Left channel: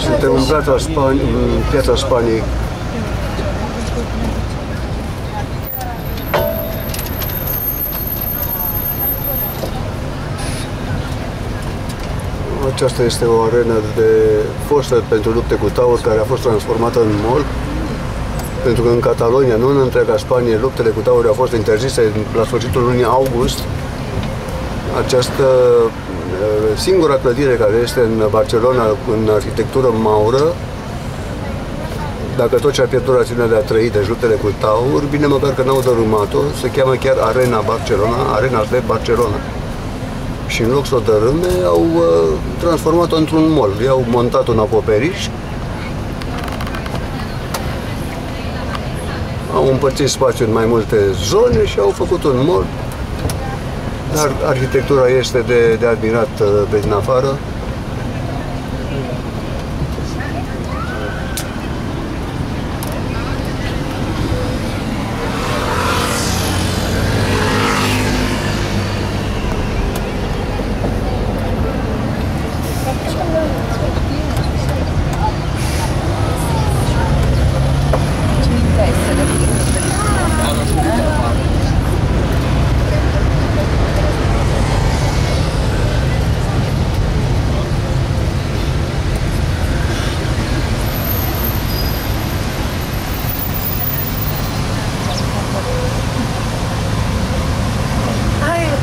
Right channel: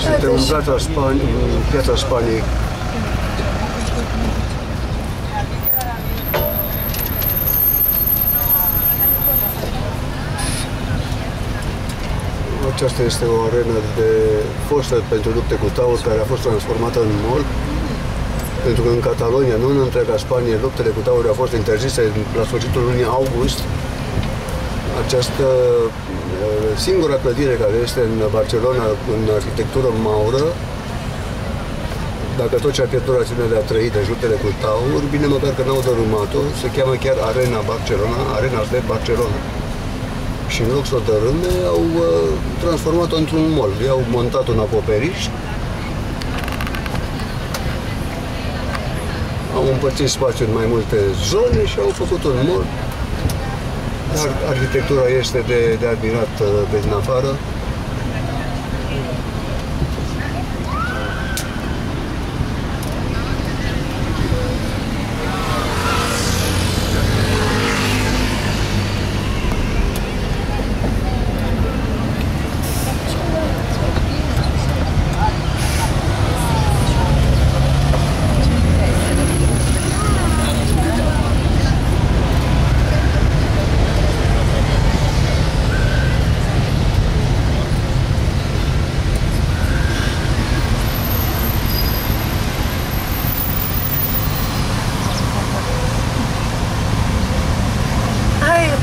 Suntem în piața Spaniei. Aceasta este o arenă fostă pentru lupte cu tauri, care a fost transformată în mall. Pentru că în Catalonia, nu în întreaga Spanie, luptele cu tauri au fost interzise la sfârșitul lunii august. Această singura clădire care este în Barcelona în arhitectură maură, dacă tot ce a pierdut rațiunea de a trăi, deci luptele cu tauri, bine măcar că n-au dărâmat-o, se cheamă chiar Arena Barcelona, Arena de Barcelona. Și în loc să o dărâme, au transformat-o într-un mall. I-au montat un acoperiș, au împărțit spațiul în mai multe zone și au făcut un mall. Dar arhitectura este de admirat pe din afară.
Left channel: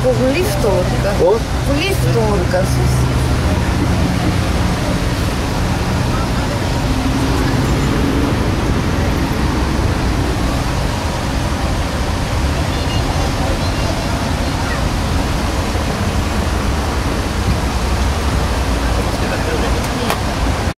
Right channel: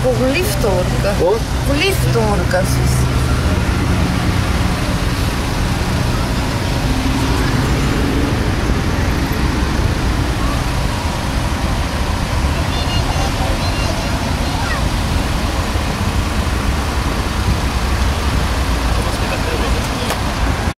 Cu liftul urcă. Cu? Cu liftul urcă sus.